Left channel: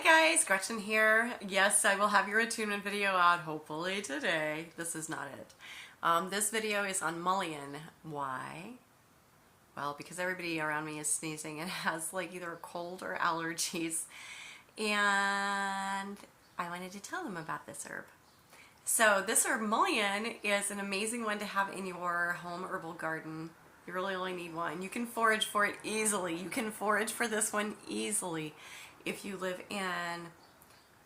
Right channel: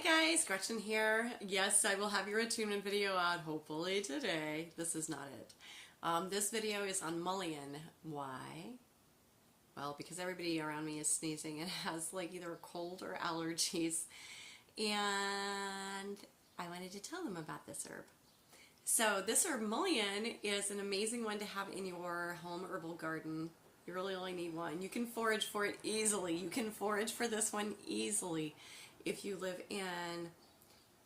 Hi guys, Gretchen here. Yes, I will have your attunement video out hopefully today. This is not it. This video is on mullein. Why? Well, because everybody around me is sneezing and has like either a cold or allergies. And I wanted to tell them about this herb. So this herb mullein is an amazing one to have in your home herbal garden. You really only need one. You can forage for it easily. You can forage for this one easily if you live in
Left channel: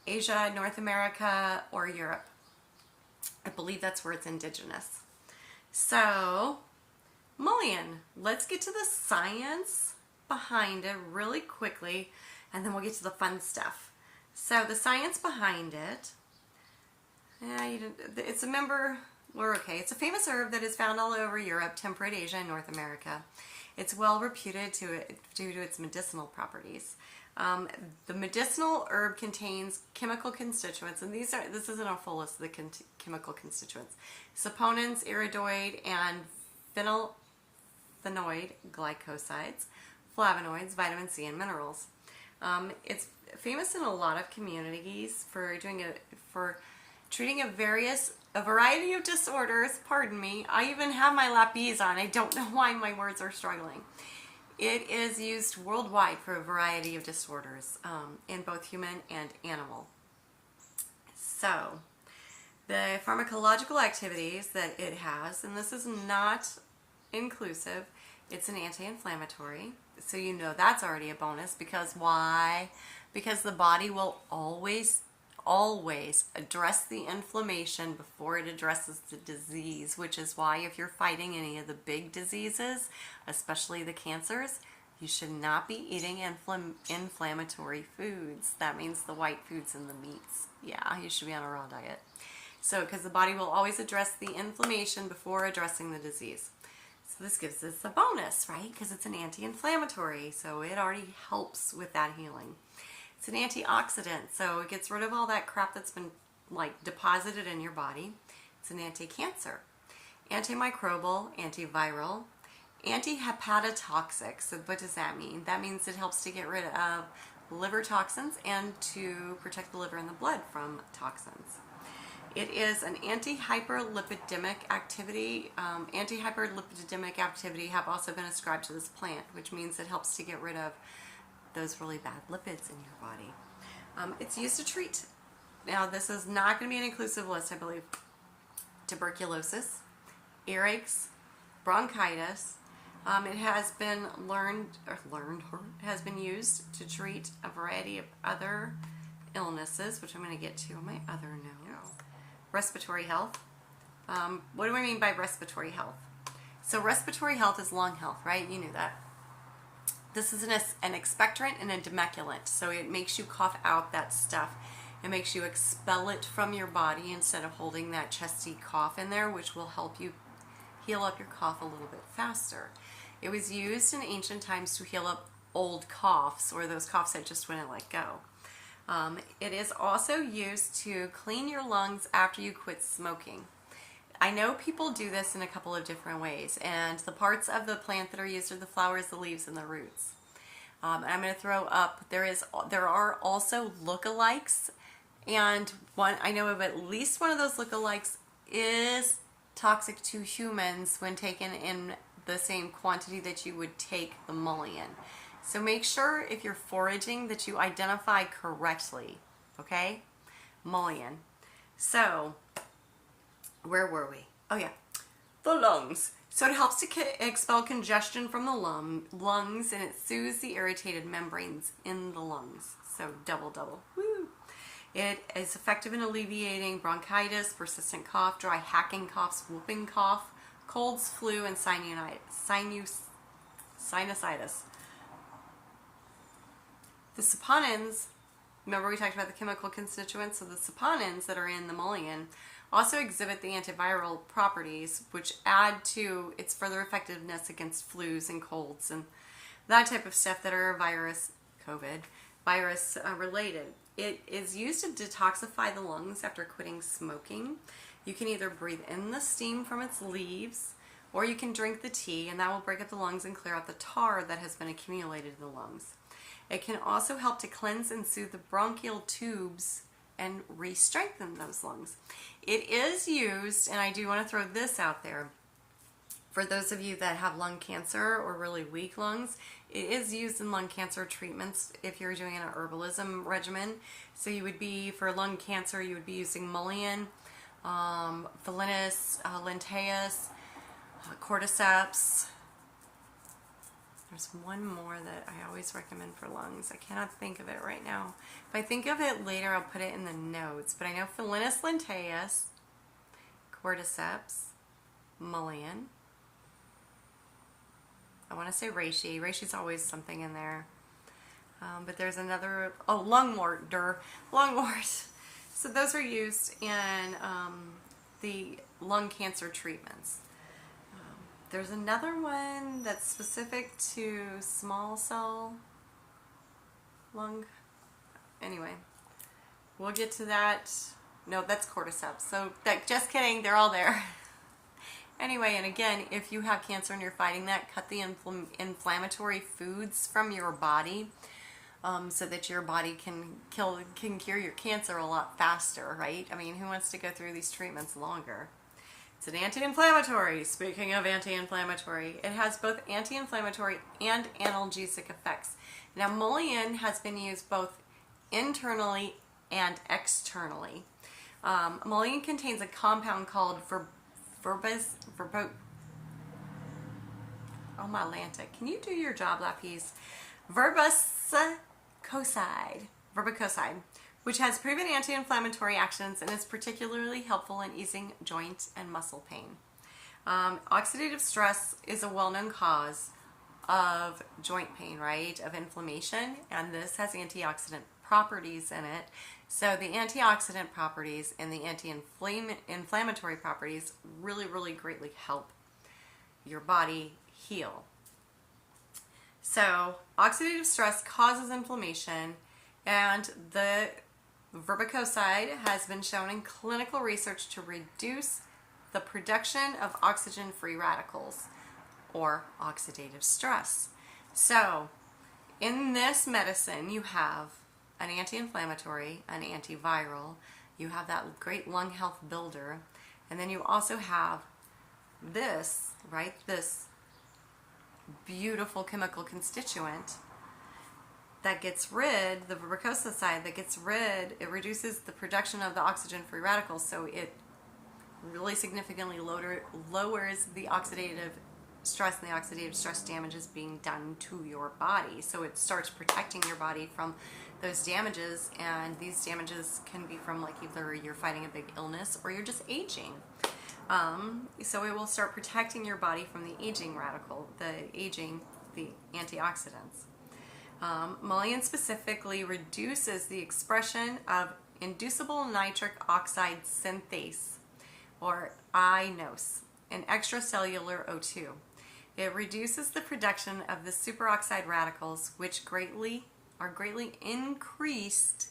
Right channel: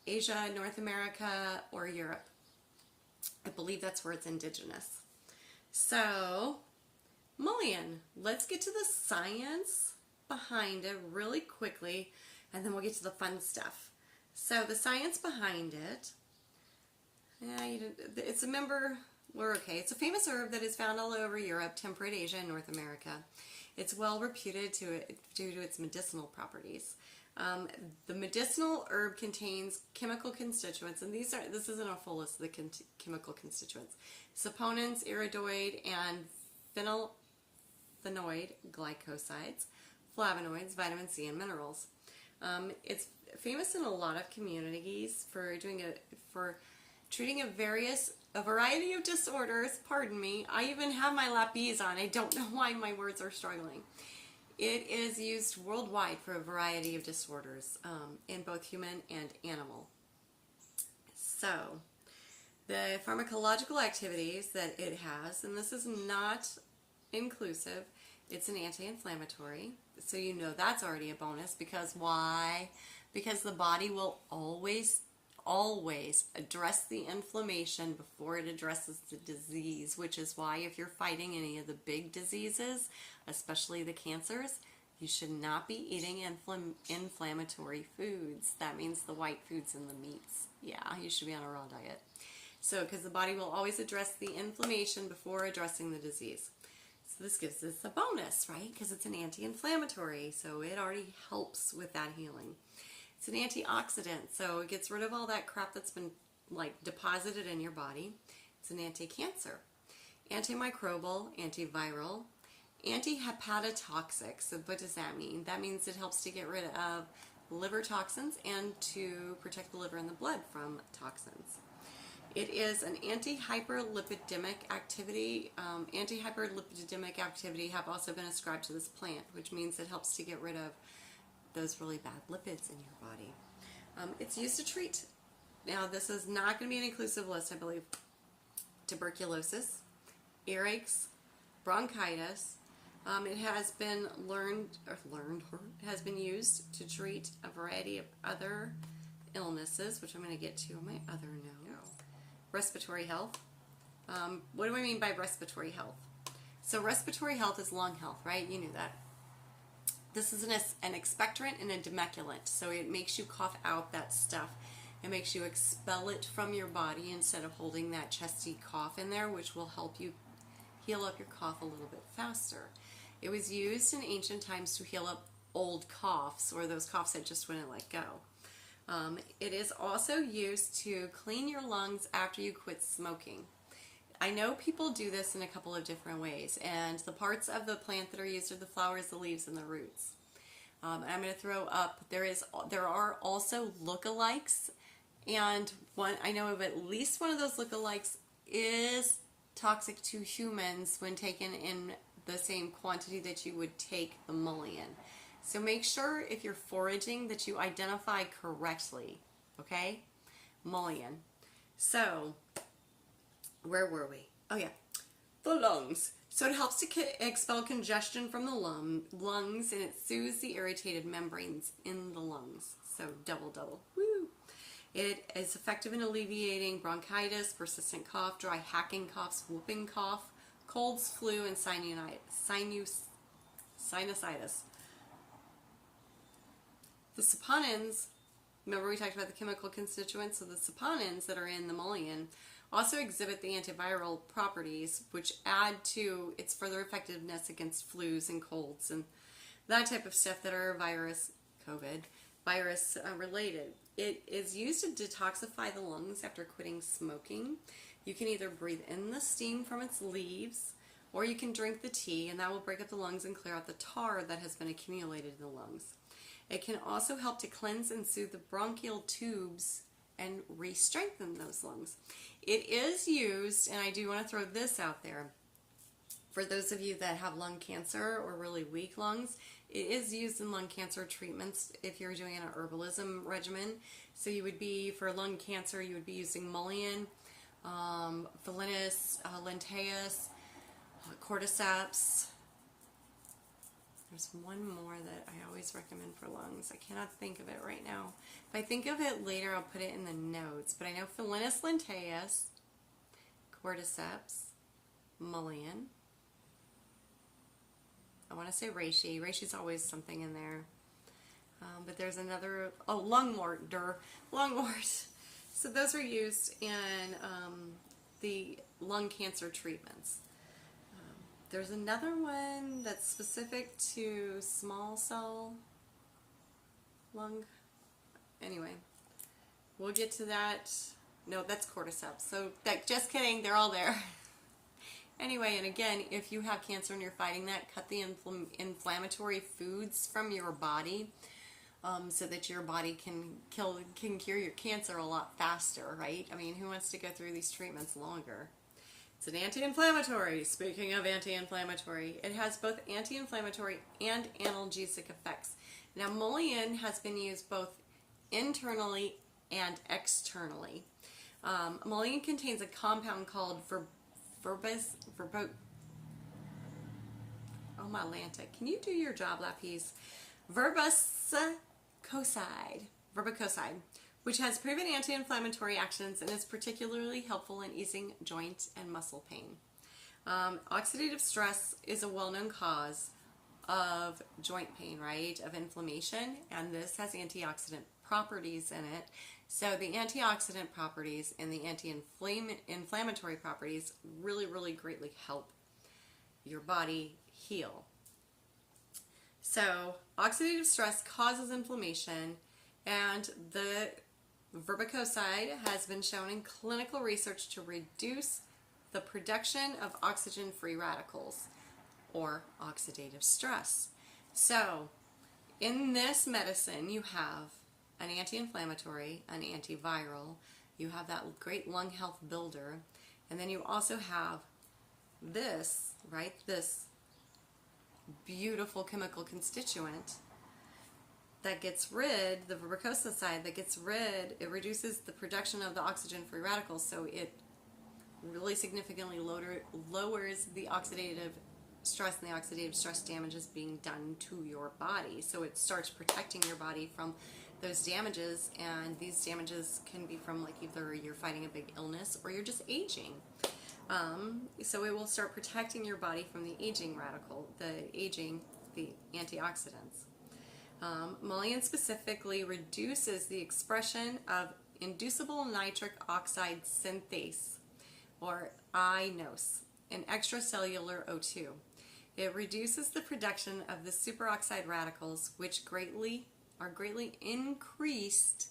Asia, North America, or Europe. I believe that's where it's indigenous. So, mullein. Let's get to the science behind it really quickly, and then we'll get to the fun stuff. So, the science behind it, it's a member... We're okay. It's a famous herb that is found all over Europe, temperate Asia, and North America. It's well reputed due to its medicinal properties. The medicinal herb contains chemical constituents, and this isn't a full list of the chemical constituents: saponins, iridoid, and phenolphthalein glycosides, flavonoids, vitamin C, and minerals. It's famous in a lot of communities for treating a variety of disorders. Pardon me. I even have my lapis on. I don't know why my words are struggling. It is used worldwide for a variety of disorders in both human and animal. So, the pharmacological activities that it has, and this is not inclusive, it's an anti-inflammatory. So you know that's already a bonus, because why? Because the body will always address the inflammation before it addresses the disease, which is why if you're fighting any of the big diseases, especially the cancers, you should not be eating inflammatory foods. That means the white foods and the meats. Yeah, you should be on a raw diet. So, because the body will always address the inflammation before addressing the disease. So this gives us a bonus, right? Because it's an anti-inflammatory, so it already helps with that healing. It's an antioxidant, so it gets rid of all that crap that's been like deposited in your body. It's an anti-cancer, antimicrobial, antiviral, anti-hepatotoxic. So what does that mean? That means it helps to get rid of liver toxins and to protect the liver and the blood from toxins. It is an anti-hyperlipidemic activity. Anti-hyperlipidemic activity have also been ascribed to this plant, which means it helps to get rid of those really bad lipids in your body. It's used to treat, now this is not going to be an inclusive list, I believe, tuberculosis, earaches, bronchitis. It has been has been used to treat a variety of other illnesses, which I'm going to get to on my other note. Respiratory health. What do I mean by respiratory health? So respiratory health is lung health, right? You knew that. This is an expectorant and a demecculant, so it makes you cough out that stuff. It makes you expel it from your body instead of holding that chesty cough in there, which will help you heal up your cough a little bit faster. It was used in ancient times to heal up old coughs, or those coughs that just wouldn't let go. It is also used to clean your lungs after you quit smoking. I know people do this in a couple of different ways, and the parts of the plant that are used are the flowers, the leaves, and the roots. And I'm going to throw up, there are also lookalikes, and I know of at least one of those lookalikes is toxic to humans when taken in the same quantity that you would take the mullein. So make sure if you're foraging that you identify correctly, okay? Mullein. So, where were we? Oh yeah, the lungs. So it helps to expel congestion from the lungs, and it soothes the irritated membranes in the lungs. So double. Woo. It is effective in alleviating bronchitis, persistent cough, dry hacking coughs, whooping cough, colds, flu, and sinusitis. The saponins, remember we talked about the chemical constituents, so the saponins that are in the mullein also exhibit the antiviral properties, which add to its further effectiveness against flus and colds and that type of stuff that are COVID virus related. It is used to detoxify the lungs after quitting smoking. You can either breathe in the steam from its leaves, or you can drink the tea, and that will break up the lungs and clear out the tar that has been accumulated in the lungs. It can also help to cleanse and soothe the bronchial tubes and re-strengthen those lungs. It is used, and I do want to throw this out there, for those of you that have lung cancer or really weak lungs, it is used in lung cancer treatments if you're doing an herbalism regimen. So you would be, for lung cancer, you would be using Mullein, Valinus, Lintaeus, Cordyceps. There's one more that I always recommend for lungs. I cannot think of it right now. If I think of it later, I'll put it in the notes. But I know Valinus Lintaeus, Cordyceps, Mullein. I want to say reishi. Reishi's always something in there. But there's another, lungwort. Lungwort. So those are used in the lung cancer treatments. There's another one that's specific to small cell lung. Anyway, we'll get to that. No, that's cordyceps. So just kidding, they're all there. Anyway, and again, if you have cancer and you're fighting that, cut the inflammatory foods from your body so that your body can cure your cancer a lot faster, right? I mean, who wants to go through these treatments longer? It's an anti-inflammatory. Speaking of anti-inflammatory, it has both anti-inflammatory and analgesic effects. Now, Mullein has been used both internally and externally. Mullein contains a compound called can you do your job, Lapis? Verbicoside, which has proven anti-inflammatory actions and is particularly helpful in easing joint and muscle pain. Oxidative stress is a well-known cause of joint pain, right? Of inflammation, and this has antioxidant properties in it. So the antioxidant properties and the anti-inflammatory properties really, really greatly help your body heal. So oxidative stress causes inflammation, and the verbicoside has been shown in clinical research to reduce the production of oxygen-free radicals, or oxidative stress. So in this medicine, you have an anti-inflammatory, an antiviral, you have that great lung health builder, and then you also have this, right, this beautiful chemical constituent that gets rid, the verbicoside that gets rid, it reduces the production of the oxygen-free radicals, so it really significantly lowers the oxidative stress, and the oxidative stress damage is being done to your body. So it starts protecting your body from those damages, and these damages can be from like either you're fighting a big illness or you're just aging. So it will start protecting your body from the aging radical, the antioxidants. Mullein specifically reduces the expression of inducible nitric oxide synthase, or INOS, an extracellular O2. It reduces the production of the superoxide radicals, which are greatly increased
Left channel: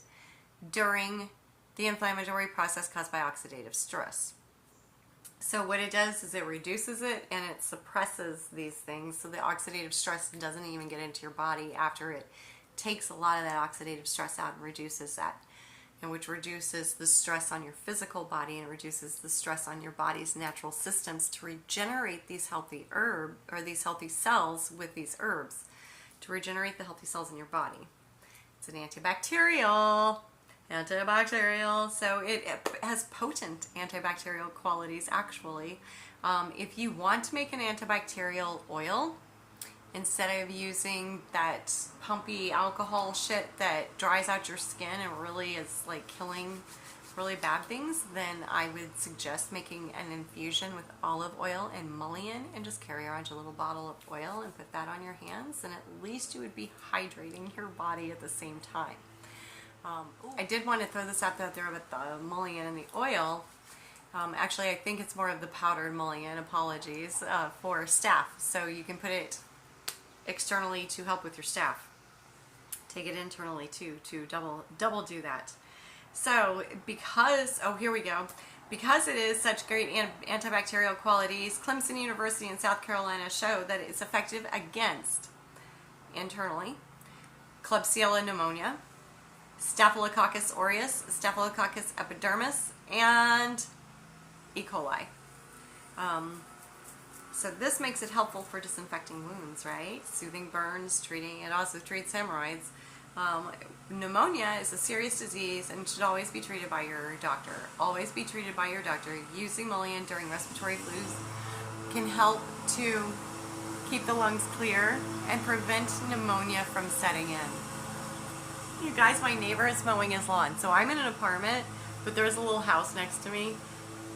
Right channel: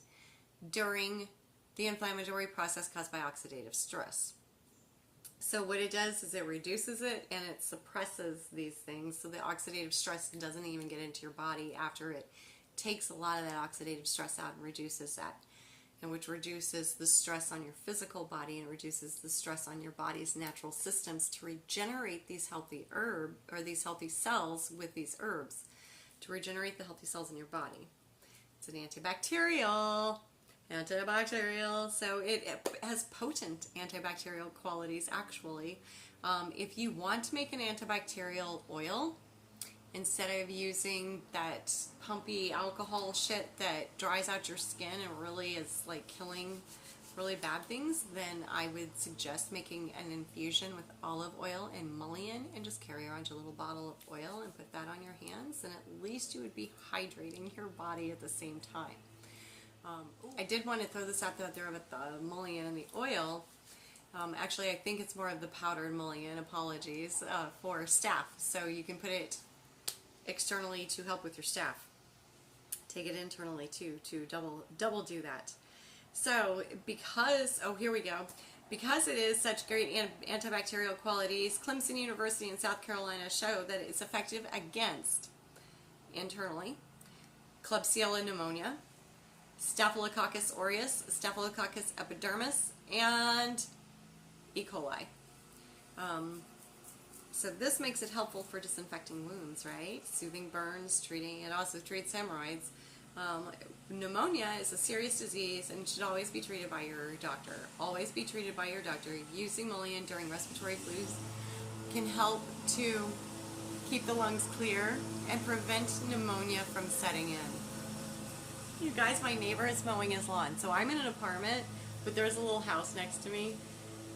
during the inflammatory process caused by oxidative stress. So what it does is it reduces it and it suppresses these things, so the oxidative stress doesn't even get into your body after it takes a lot of that oxidative stress out and reduces that, and which reduces the stress on your physical body and reduces the stress on your body's natural systems to regenerate these healthy these healthy cells with these herbs, to regenerate the healthy cells in your body. It's an antibacterial, so it has potent antibacterial qualities actually. If you want to make an antibacterial oil, instead of using that pumpy alcohol shit that dries out your skin and really is like killing really bad things, then I would suggest making an infusion with olive oil and mullein and just carry around your little bottle of oil and put that on your hands, and at least you would be hydrating your body at the same time. I did want to throw this out there with the mullein and the oil. Actually, I think it's more of the powdered mullein, apologies, for staph. So you can put it externally to help with your staph. Take it internally too, to double do that. So because, here we go. Because it is such great antibacterial qualities, Clemson University in South Carolina show that it's effective against internally Klebsiella pneumonia, Staphylococcus aureus, Staphylococcus epidermis, and E. coli. So this makes it helpful for disinfecting wounds, right? Soothing burns, it also treats hemorrhoids. Pneumonia is a serious disease and should always be treated by your doctor. Always be treated by your doctor. Using Mullein during respiratory flus can help to keep the lungs clear and prevent pneumonia from setting in. You guys, my neighbor is mowing his lawn. So I'm in an apartment, but there's a little house next to me.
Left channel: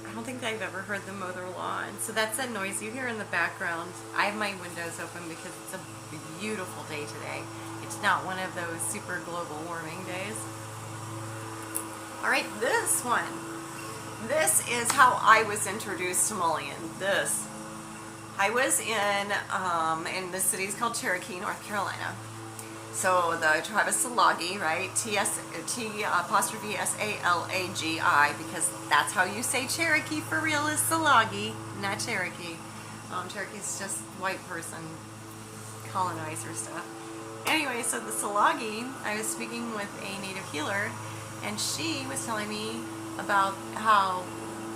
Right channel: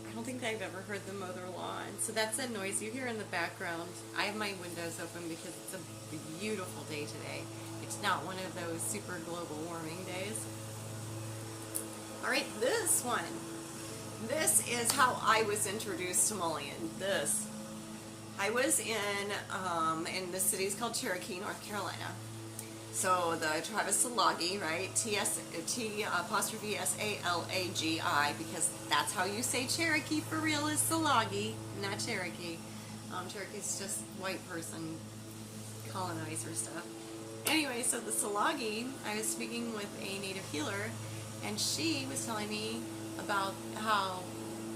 I don't think I've ever heard them mow their lawn. So that's that noise you hear in the background. I have my windows open because it's a beautiful day today. It's not one of those super global warming days. All right, this one. This is how I was introduced to Mullein. I was in the city's called Cherokee, North Carolina. So the tribe is Salagi, right? T''Salagi, because that's how you say Cherokee for real, is Salagi, not Cherokee. Cherokee's just white person colonizer stuff. Anyway, so the Salagi, I was speaking with a native healer, and she was telling me about how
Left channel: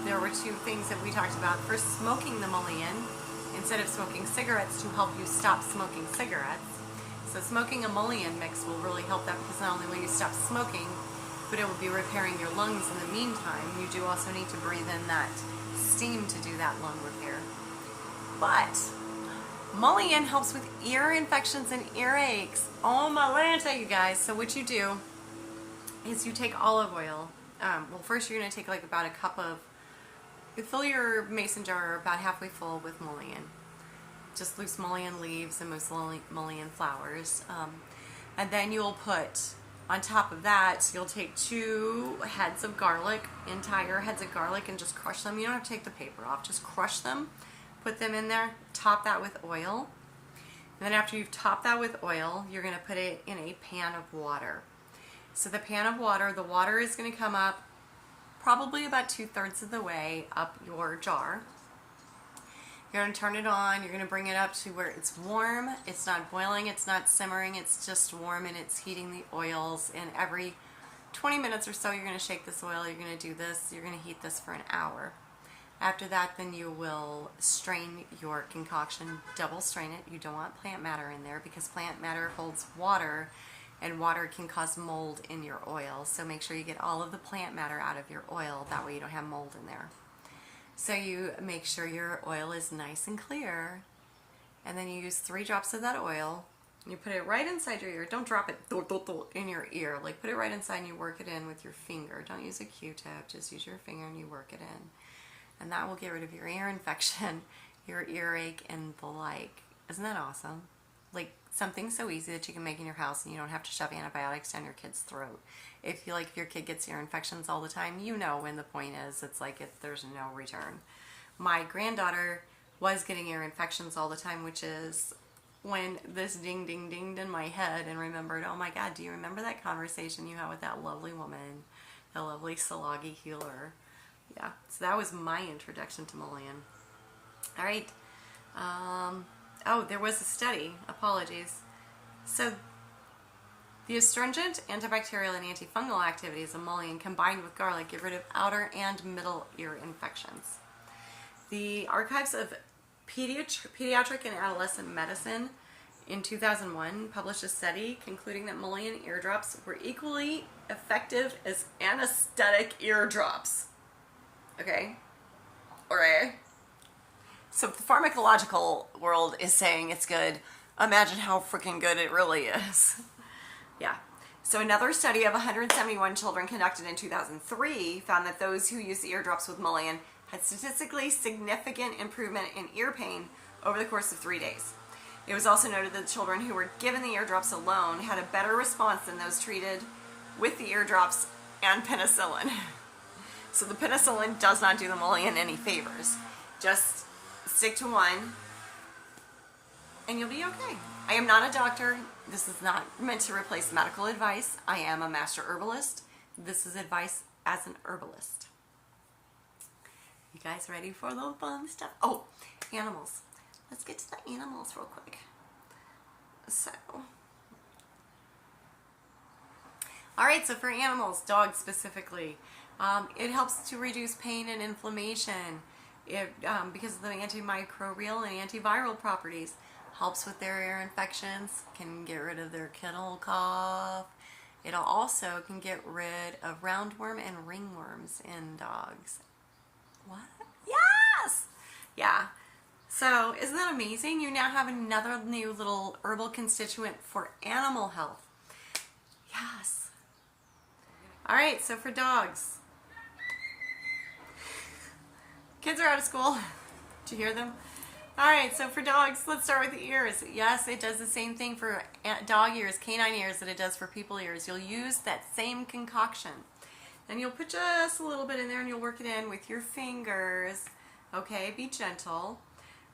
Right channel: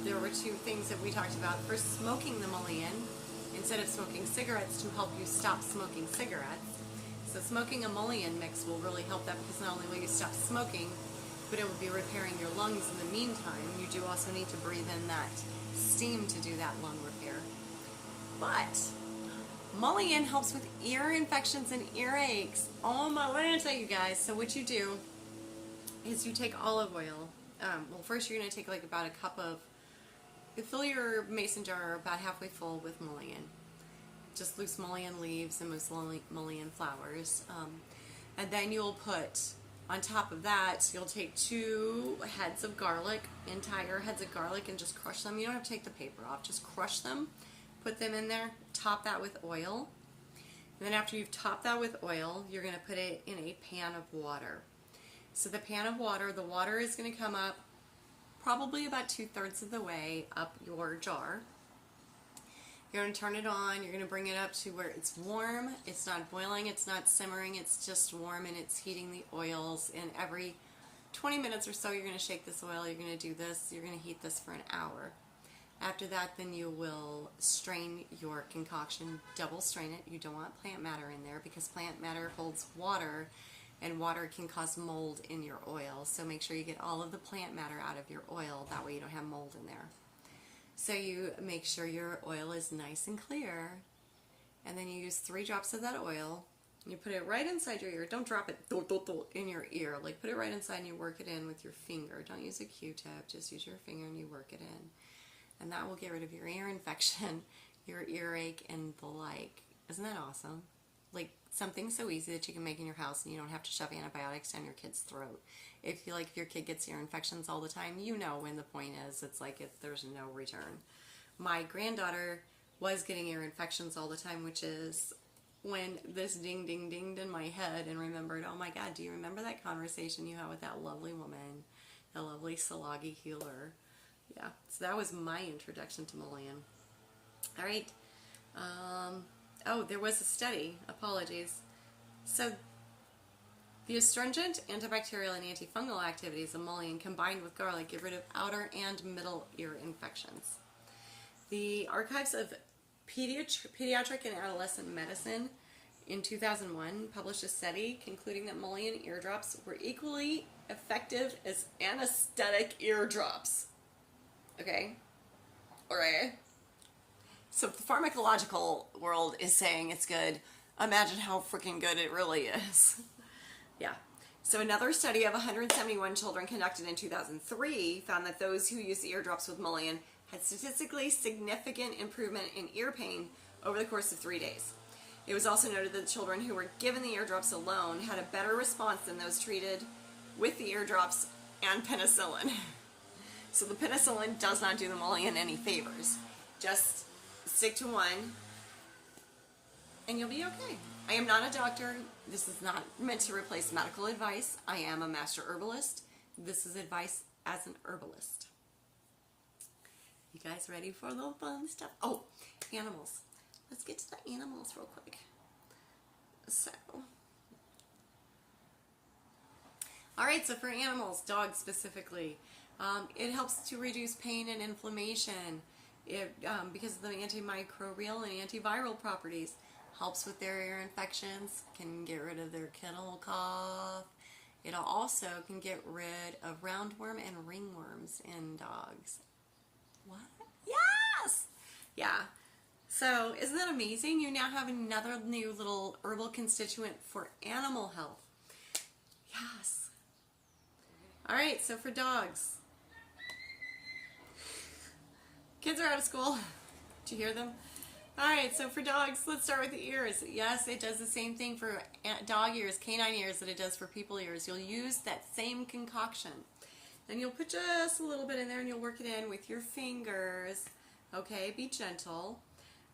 there were two things that we talked about. First, smoking the Mullein instead of smoking cigarettes to help you stop smoking cigarettes. So smoking a Mullein mix will really help that, because not only will you stop smoking, but it will be repairing your lungs in the meantime. You do also need to breathe in that steam to do that lung repair. But Mullein helps with ear infections and earaches. Oh my Lanta, you guys. So what you do is you take olive oil. Well, first you're going to take like about a cup of, you fill your mason jar about halfway full with Mullein. Just loose Mullein leaves and most Mullein flowers. And then you'll put, on top of that, you'll take 2 heads of garlic, entire heads of garlic, and just crush them. You don't have to take the paper off. Just crush them, put them in there, top that with oil. And then after you've topped that with oil, you're going to put it in a pan of water. So the pan of water, the water is going to come up probably about 2/3 of the way up your jar. You're going to turn it on. You're going to bring it up to where it's warm. It's not boiling. It's not simmering. It's just warm, and it's heating the oils. And every 20 minutes or so, you're going to shake this oil. You're going to do this. You're going to heat this for an hour. After that, then you will strain your concoction. Double strain it. You don't want plant matter in there, because plant matter holds water, and water can cause mold in your oil. So make sure you get all of the plant matter out of your oil. That way you don't have mold in there. So you make sure your oil is nice and clear, and then you use 3 drops of that oil, and you put it right inside your ear. Don't drop it in your ear. Like, put it right inside and you work it in with your finger. Don't use a Q-tip. Just use your finger and you work it in. And that will get rid of your ear infection, your earache, and the like. Isn't that awesome? Like, something so easy that you can make in your house, and you don't have to shove antibiotics down your kid's throat. If your kid gets ear infections all the time, you know when the point is. It's like there's no return. My granddaughter was getting ear infections all the time, which is when this dinged in my head and remembered, oh my God, do you remember that conversation you had with that lovely woman, the lovely Salagi healer? Yeah, so that was my introduction to Mullein. All right. Oh, there was a study. Apologies. So the astringent, antibacterial, and antifungal activities of Mullein combined with garlic get rid of outer and middle ear infections. The Archives of Pediatric and Adolescent Medicine in 2001 published a study concluding that Mullein eardrops were equally effective as anesthetic eardrops. Okay? Alright. So if the pharmacological world is saying it's good, imagine how freaking good it really is. Yeah. So another study of 171 children conducted in 2003 found that those who used the eardrops with Mullein had statistically significant improvement in ear pain over the course of 3 days. It was also noted that children who were given the eardrops alone had a better response than those treated with the eardrops and penicillin. So the penicillin does not do the Mullein any favors. Just stick to one, and you'll be okay. I am not a doctor. This is not meant to replace medical advice. I am a master herbalist. This is advice as an herbalist. You guys ready for the fun stuff? Oh, animals. Let's get to the animals real quick. So, All right, so for animals, dogs specifically, it helps to reduce pain and inflammation. Because of the antimicrobial and antiviral properties, helps with their ear infections, can get rid of their kennel cough. It also can get rid of roundworm and ringworms in dogs. What? Yes! Yeah. So, isn't that amazing? You now have another new little herbal constituent for animal health. Yes. All right, so for dogs. Kids are out of school. Did you hear them? All right, so for dogs, let's start with the ears. Yes, it does the same thing for dog ears, canine ears, that it does for people ears. You'll use that same concoction. Then you'll put just a little bit in there and you'll work it in with your fingers. Okay, be gentle.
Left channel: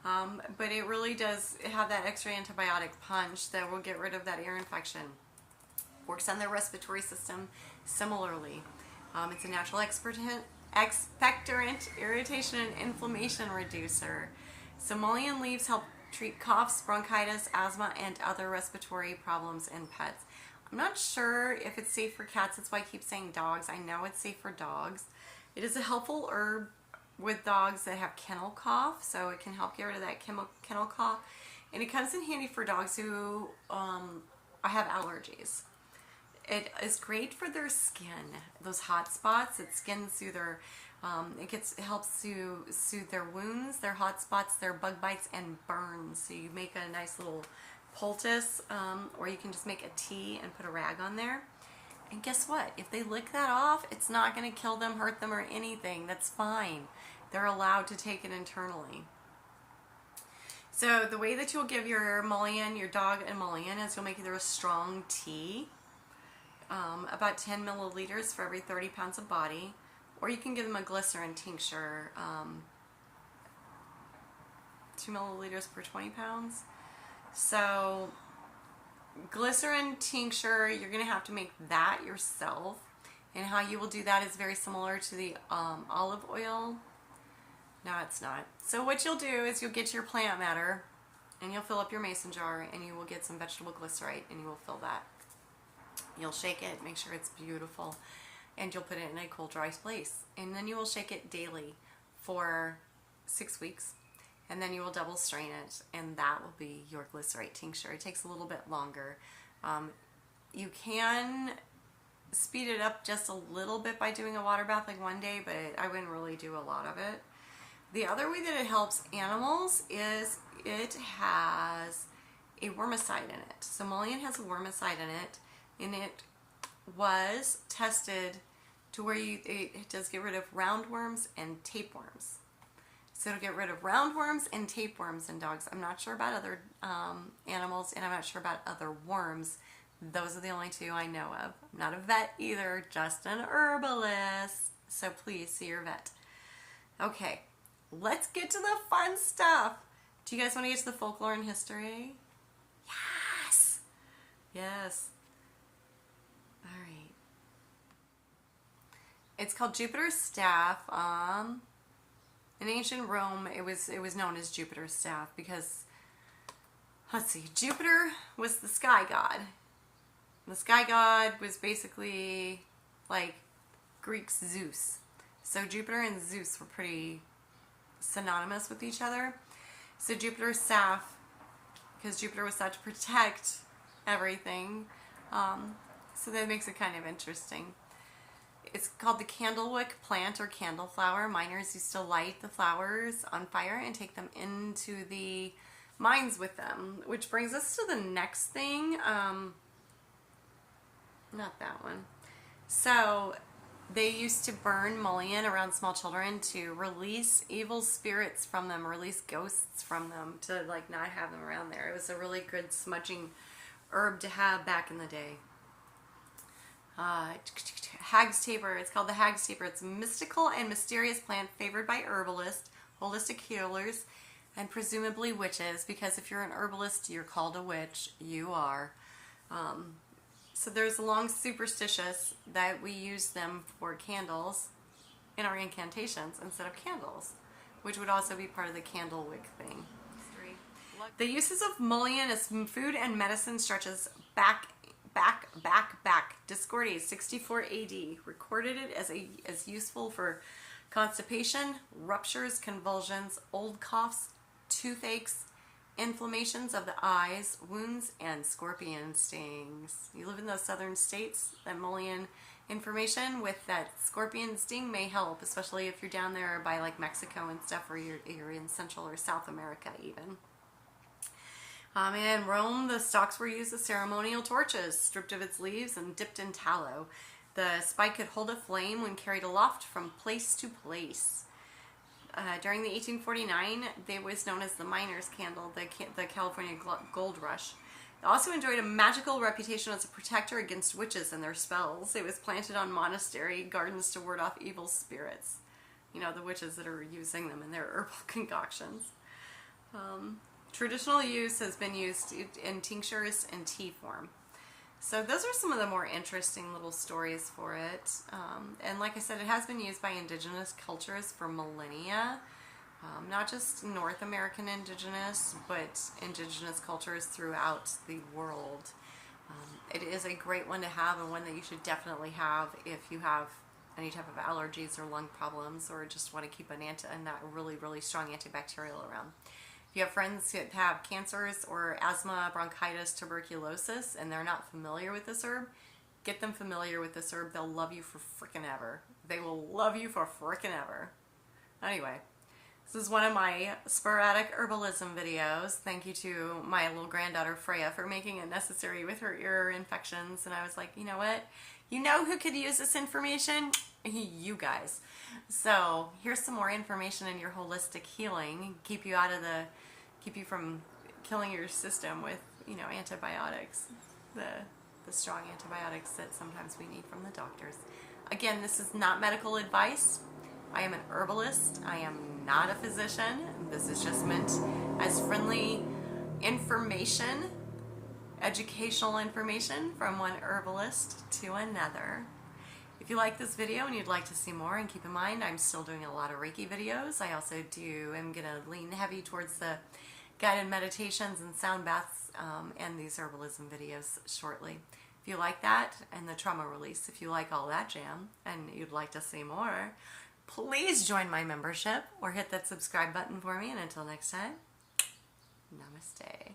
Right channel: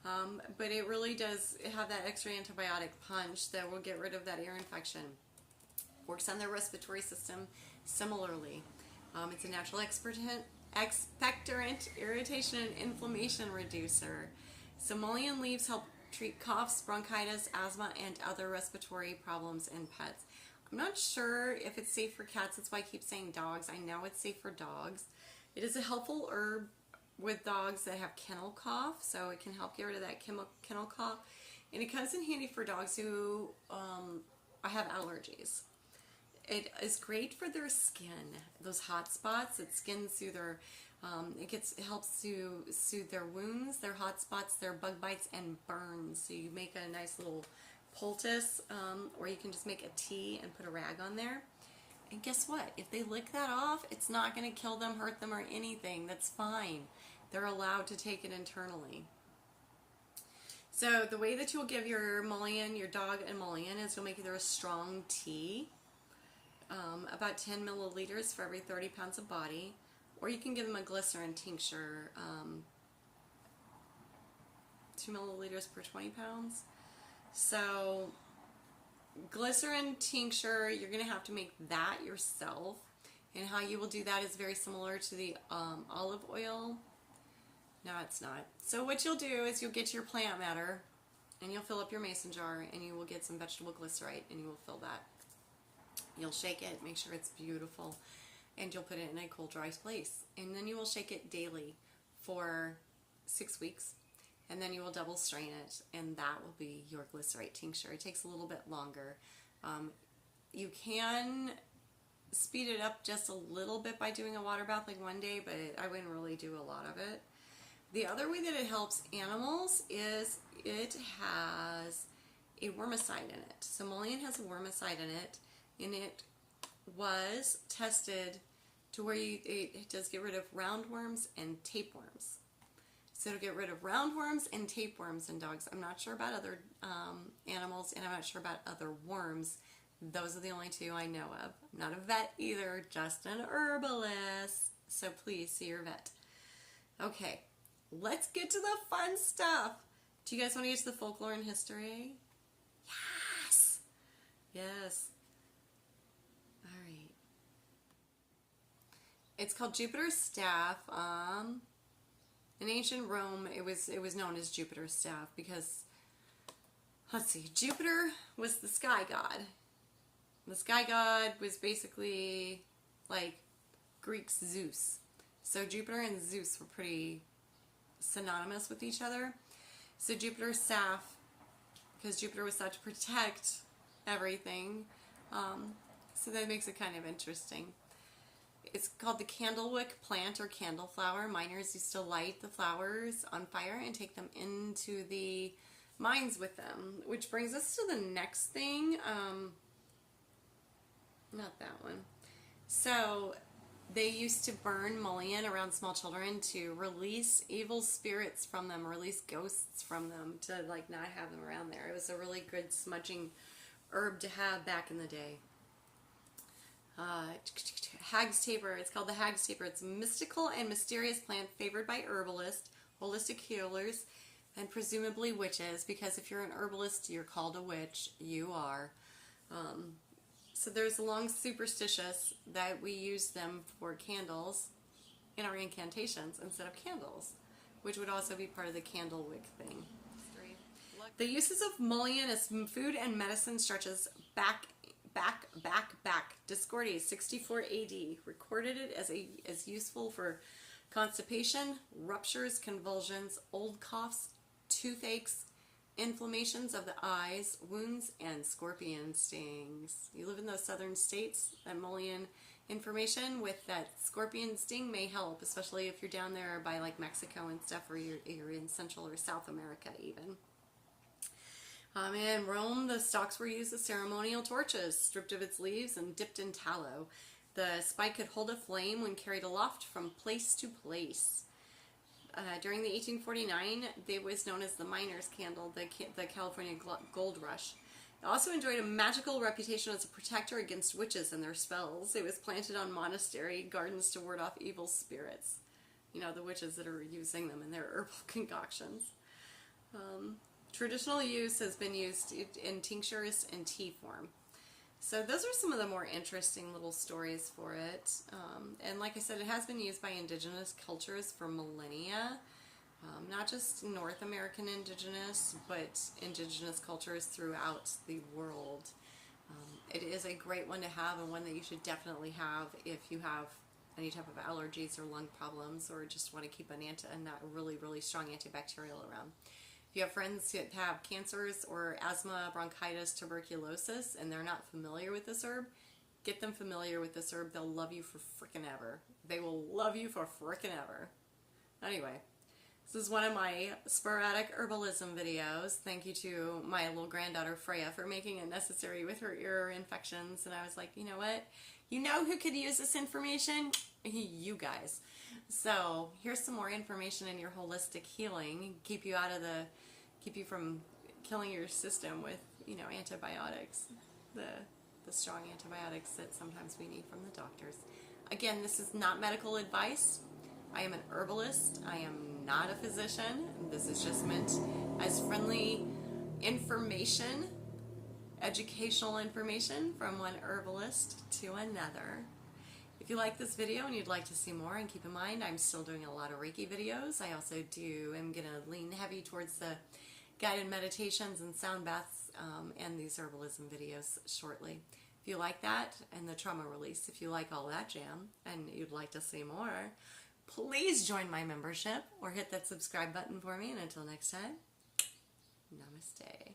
But it really does have that extra antibiotic punch that will get rid of that ear infection. Works on the respiratory system similarly. It's a natural expectorant, irritation and inflammation reducer. So mullein leaves help treat coughs, bronchitis, asthma, and other respiratory problems in pets. I'm not sure if it's safe for cats. That's why I keep saying dogs. I know it's safe for dogs. It is a helpful herb with dogs that have kennel cough, so it can help get rid of that kennel cough. And it comes in handy for dogs who have allergies. It is great for their skin, those hot spots. It's skin soother. It helps to soothe their wounds, their hot spots, their bug bites, and burns. So you make a nice little poultice, or you can just make a tea and put a rag on there. And guess what? If they lick that off, it's not going to kill them, hurt them, or anything. That's fine. They're allowed to take it internally. So the way that you'll give your mullein, your dog and mullein, is you'll make either a strong tea, about 10 milliliters for every 30 pounds of body, or you can give them a glycerin tincture, 2 milliliters per 20 pounds. So glycerin tincture, you're going to have to make that yourself. And how you will do that is very similar to the olive oil. No, it's not. So what you'll do is you'll get your plant matter and you'll fill up your mason jar and you will get some vegetable glycerite and you will fill that. You'll shake it, make sure it's beautiful, and you'll put it in a cool, dry place. And then you will shake it daily for 6 weeks. And then you will double strain it, and that will be your glycerite tincture. It takes a little bit longer. You can speed it up just a little bit by doing a water bath like one day, but I wouldn't really do a lot of it. The other way that it helps animals is it has a wormicide in it. So mullein has a wormicide in it, and it was tested to where it does get rid of roundworms and tapeworms. So it'll get rid of roundworms and tapeworms in dogs. I'm not sure about other animals, and I'm not sure about other worms. Those are the only two I know of. I'm not a vet either, just an herbalist. So please see your vet. Okay, let's get to the fun stuff. Do you guys want to get to the folklore and history? Yes! Yes. All right. It's called Jupiter's staff. In ancient Rome, it was known as Jupiter's staff because, let's see, Jupiter was the sky god. The sky god was basically like Greek's Zeus. So Jupiter and Zeus were pretty synonymous with each other. So Jupiter's staff, because Jupiter was thought to protect everything, so that makes it kind of interesting. It's called the candlewick plant or candle flower. Miners used to light the flowers on fire and take them into the mines with them. Which brings us to the next thing. Not that one. So they used to burn mullein around small children to release evil spirits from them, release ghosts from them, to like not have them around there. It was a really good smudging herb to have back in the day. Hag's taper. It's called the hag's taper. It's a mystical and mysterious plant favored by herbalists, holistic healers, and presumably witches, because if you're an herbalist, you're called a witch. You are. So there's a long superstitious that we use them for candles in our incantations instead of candles, which would also be part of the candlewick thing. The uses of mullein as food and medicine stretches back Discordia, 64 AD, recorded it as useful for constipation, ruptures, convulsions, old coughs, toothaches, inflammations of the eyes, wounds, and scorpion stings. You live in those southern states, that Mullein information with that scorpion sting may help, especially if you're down there by like Mexico and stuff, or you're in Central or South America even. In Rome, the stalks were used as ceremonial torches, stripped of its leaves and dipped in tallow. The spike could hold a flame when carried aloft from place to place. During the 1849, it was known as the miner's candle, the California gold rush. It also enjoyed a magical reputation as a protector against witches and their spells. It was planted on monastery gardens to ward off evil spirits. You know, the witches that are using them in their herbal concoctions. Traditional use has been used in tinctures and tea form. So those are some of the more interesting little stories for it. And like I said, it has been used by indigenous cultures for millennia. Not just North American indigenous, but indigenous cultures throughout the world. It is a great one to have, and one that you should definitely have if you have any type of allergies or lung problems, or just want to keep a really, really strong antibacterial around. If you have friends that have cancers or asthma, bronchitis, tuberculosis, and they're not familiar with this herb, get them familiar with this herb. They'll love you for frickin' ever. They will love you for frickin' ever. Anyway, this is one of my sporadic herbalism videos. Thank you to my little granddaughter Freya for making it necessary with her ear infections. And I was like, you know what? You know who could use this information? You guys. So here's some more information in your holistic healing. Keep you from killing your system with, you know, antibiotics. The strong antibiotics that sometimes we need from the doctors. Again, this is not medical advice. I am an herbalist. I am not a physician. This is just meant as friendly information, educational information from one herbalist to another. If you like this video and you'd like to see more, and keep in mind I'm still doing a lot of Reiki videos. I also am going to lean heavy towards the guided meditations and sound baths and these herbalism videos shortly. If you like that, and the trauma release, if you like all that jam and you'd like to see more, please join my membership or hit that subscribe button for me. And until next time, namaste.